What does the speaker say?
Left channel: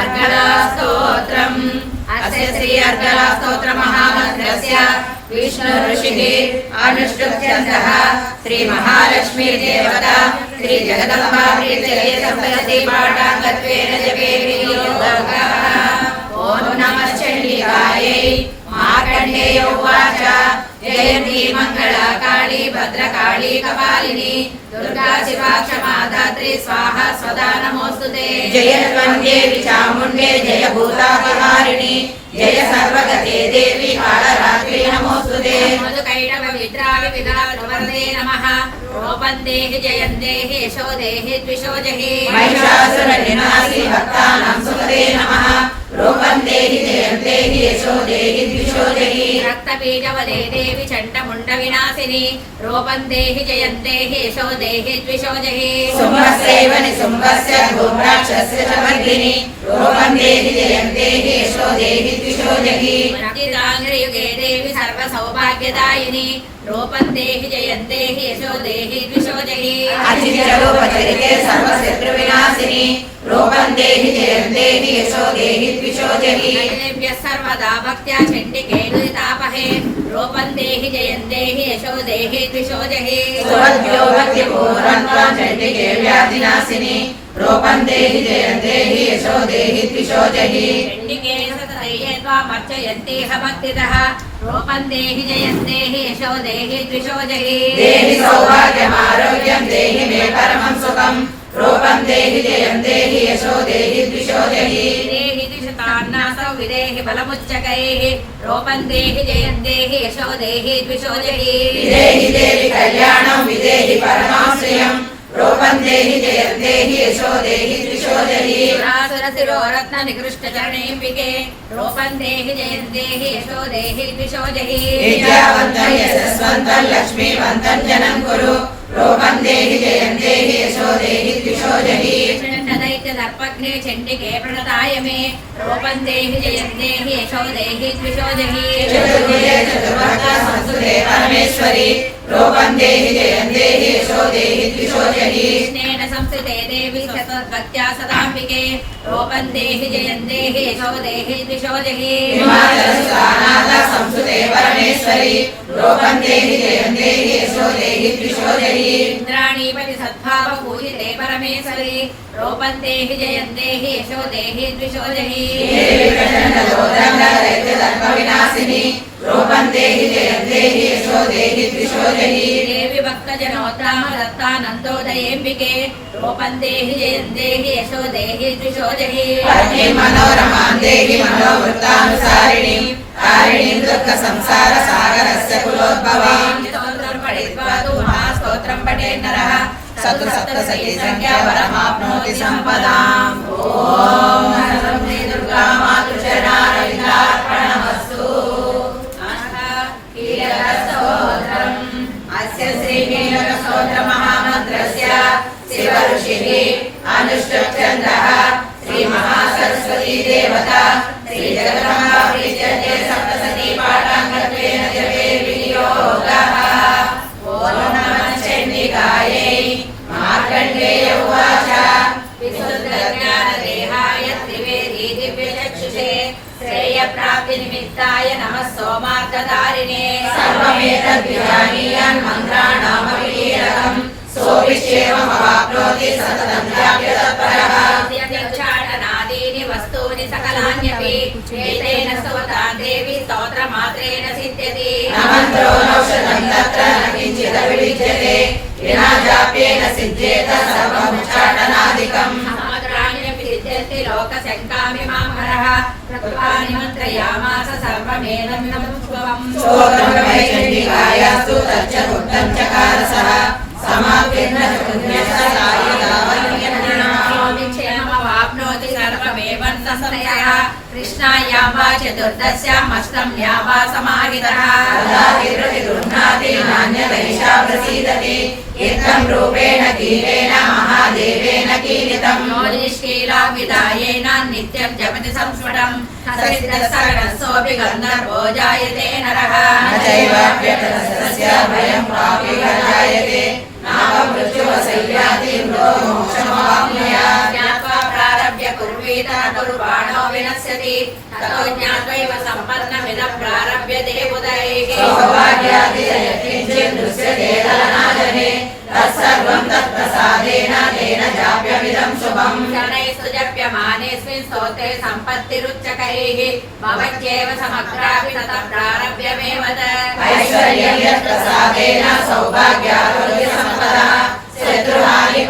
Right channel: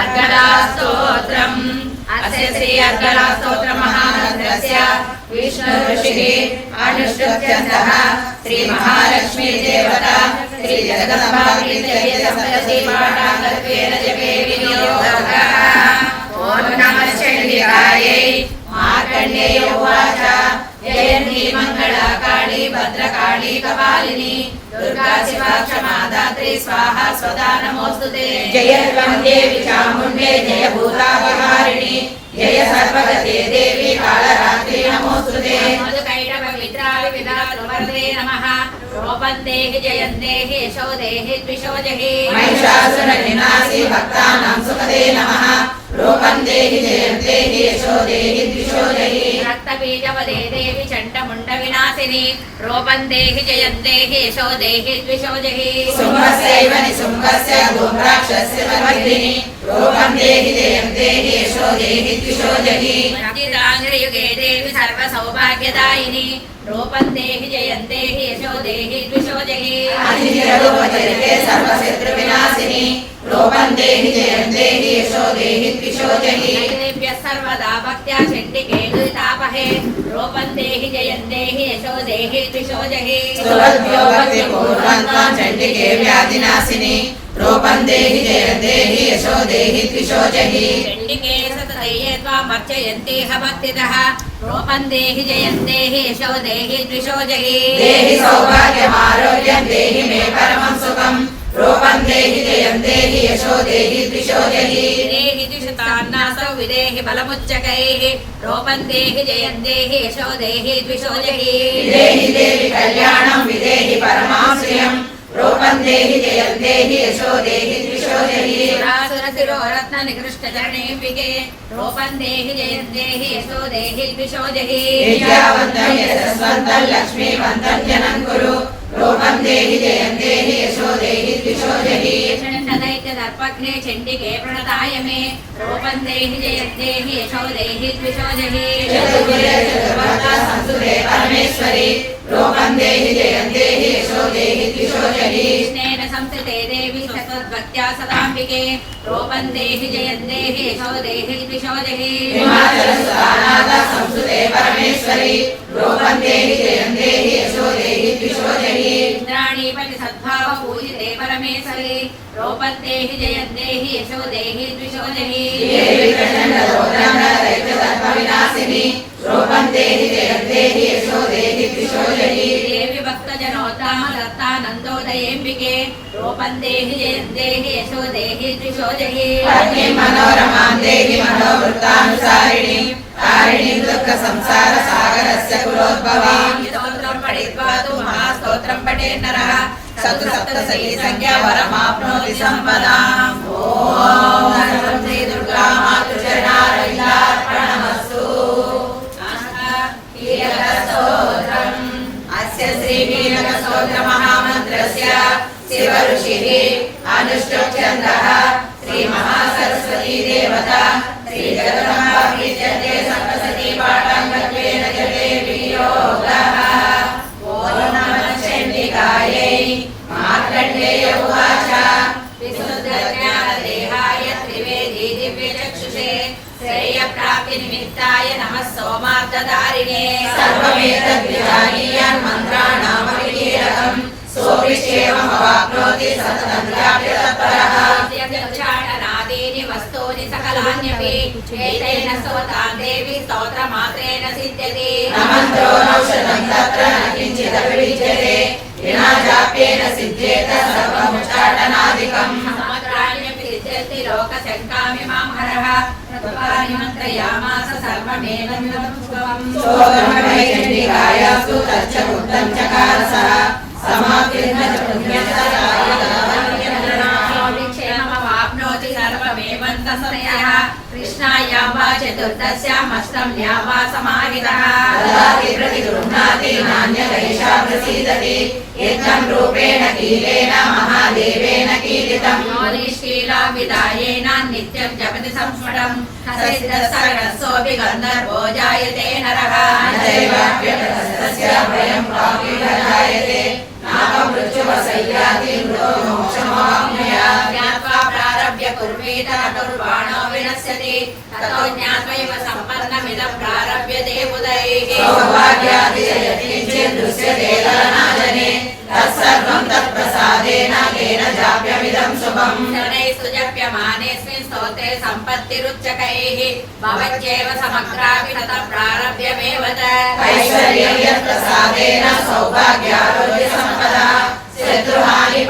अर्गलास्तोत्रम् अस्य श्री अर्गलास्तोत्र महामन्त्रस्य विष्णु ऋषिः अनुष्ठुप्यन्तः श्री महालक्ष्मी देवता श्री जगदम्बा प्रीत्यये सप्तशती पाठाङ्गत्वेन जपे विनियोगः। ओम नमः चण्डिकायै। मार्कण्डेय उवाच जयन्ती मंगला काली भद्रकाली कपालिनी दुर्गा शिवा क्षमा धात्री स्वाहा स्वदा नमोस्तुते। जय देवी चामुण्डे जय भूतापहारिणी जय सर्वगते देवी कालरात्रि नमोस्तुते। मधुकैटभ विद्रावि विधातृवरदे नमः। रूपन्देहि जयन्देहि यशोदेहि द्विषोजहि महिषासुरनिनाशि भक्तानां सुखदे नमः। रूपन्देहि जयन्देहि यशोदेहि द्विषोजहि रक्तबीजवदे देवी चण्डमुण्डविनाशिनि रूपन्देहि जयन्देहि यशोदेहि द्विषोजहि शुम्भस्यैव निशुम्भस्य धूम्राक्षस्य वर्धिनि रूपन्देहि जयन्देहि यशोदेहि द्विषोजहि रतिदाङ्घ्रियुगे देवी सर्वसौभाग्यदायिनि रूपन्देहि जयन्देहि यशोदेहि द्विषोजहि अजितरूपचरिते सर्वशत्रुविनाशिनि रूपन्देहि जयन्देहि यशोदेहि द्विषोजहि देव्यः सर्वदा भक्त्या चण्डिके दुरितापहे रूपन्देहि जयन्देहि यशोदेहि द्विषोजहि सुरभ्यो भक्तिपूर्वन्तां चण्डिके व्याधिनाशिनि रूपन्देहि जयन्देहि यशोदेहि द्विषोजहि चण्डिके सततये त्वां भक्ष्यन्तीह भक्तितः रूपन्देहि जयन्देहि यशोदेहि द्विषोजहि देहि सौभाग्यमारोग्यं देहि मे परमं सुखं रूपन्देहि जयन्देहि यशोदेहि द्विषोजहि देहि द्विशतान्नासौ विदेहि बलमुच्चकैः रूपन्देहि जयन्देहि यशोदेहि द्विषोजहि विदेहि देवि कल्याणं विदेहि परमाश्रियं रूपन्देहि जयन्देहि यशोदेहि द्विषोजहि सुरासुरशिरोरत्न निकृष्टचरणेऽम्बिके रूपन्देहि जयन्देहि यशोदेहि द्विषोजहि विद्यावन्तं यशस्वन्तं लक्ष्मीवन्तं जनं कुरु रूपन्देहि जयन्देहि यशोदेहि द्विषोजहि दैत्यदर्पघ्ने चण्डिके प्रणताय मे रूपन्देहि जयन्देहि यशोदेहि द्विषोजहि चतुर्भुजे चतुर्भक्ता संस्तुते परमेश्वरि रूपन्देहि जयन्देहि यशोदेहि द्विषोजहि कृष्णेन संस्थिते देवी सततभक्त्या सदाम्बिके रूपन्देहि जयन्देहि यशोदेहि द्विषोजहि हिमाचलस्थानात् संस्थिते परमेश्वरि रूपन्देहि जयन्देहि यशोदेहि द्विषोजहि इंद्राणीपति सद्भाव पूजिते परमेश्वरि रूपन्देहि जयन्देहि यशोदेहि द्विषोजहि देवी प्रचण्ड गोत्रङ्ग दैत्यदर्प विनाशिनि रूपन्देहि जयन्देहि यशोदेहि द्विषोजहि देवी भक्तजनोत्तम दत्तानन्दोदयेऽम्बिके रूपन्देहि जयन्देहि यशोदेहि द्विषोजहि पत्नीं मनोरमां देहि मनोवृत्तानुसारिणि तारिणीं दुःखसंसार सागरस्य कुलोद्भवां स्तोत्रं पठित्वा तु महास्तोत्रं पठेत् नरः सप्तशती संख्या वरमाप्नोति सम्पदाम्। ॐ श्री दुर्गा मातृचरणारविन्दार्पणमस्तु। कीलकस्तोत्रम् अस्य श्री कीलकस्तोत्र महामन्त्रस्य शिव ऋषिः अनुष्ठुप्छन्दः श्री महासरस्वती देवता श्री जगदम्बा प्रीत्यते सप्तशती पाठाङ्गत्वेन जपे विनियोगः। ओम नमः चण्डिकायै। मार्कण्डेय उवाच विशुद्धज्ञानदेहाय त्रिवेदी दिव्यचक्षुषे श्रेयप्राप्तिनिमित्ताय नमः सोमार्थधारिणे सर्वमेतद्विजानीयान् मन्त्राणामपि कीलकम् सोऽविश्येवमवाप्नोति सततं व्याप्य तत्परः यद्योच्चाटनादीनि वस्तूनि सकलान्यपि एतेन स्तवतां देवी स्तोत्रमात्रेण सिद्ध्यति न मन्त्रो नौषधं तत्र न किञ्चिदपि विद्यते विना जाप्येन सिद्ध्येत सर्वमुच्चाटनादिकम् समग्राण्यपि सिद्ध्यन्ति लोकशङ्कामिमां हरः कृपाणि मन्त्रयामास सर्वमेदमिदमुद्भवम् स्तोत्रमय चण्डिकायास्तु तच्च गुप्तं चकारसः समाप्येन पुण्यस्य सायदावाप्नोति सर्वमेवन्तसंशयः कृष्णायां वा चतुर्दश्याम् अष्टम्यां वा समाहितः प्रतिगृह्णाति नान्यदैषा प्रसीदति इत्थं रूपेण कीलेन महादेवेन कीलितं योनिष्कीला विदायेन नित्यं जपति संस्फुटं सिद्धसर्वस्योऽपि गन्धर्वो जायते नरः न चैवाप्यस्य भयं पापी जायते नापमृत्युवसय्याति मोक्षमवाप्नुयात् ज्ञात्वा प्रारभ्य कुर्वीत कुर्वाणो विनश्यति ततो ज्ञात्वैव सम्पन्नमिदं प्रारभ्यते बुधैः सौभाग्यातिशयकिञ्चिदृश्यते तदनाजने तत्सर्वं तत्प्रसादेन तेन जाप्यमिदं शुभम् शनैस्तु जप्यमानेऽस्मिन् स्तोत्रे सम्पत्तिरुच्चकैः भवत्येव समग्रापि ततः प्रारभ्यमेव ऐश्वर्यं यत्प्रसादेन सौभाग्यारोग्यसम्पदा शत्रुहानि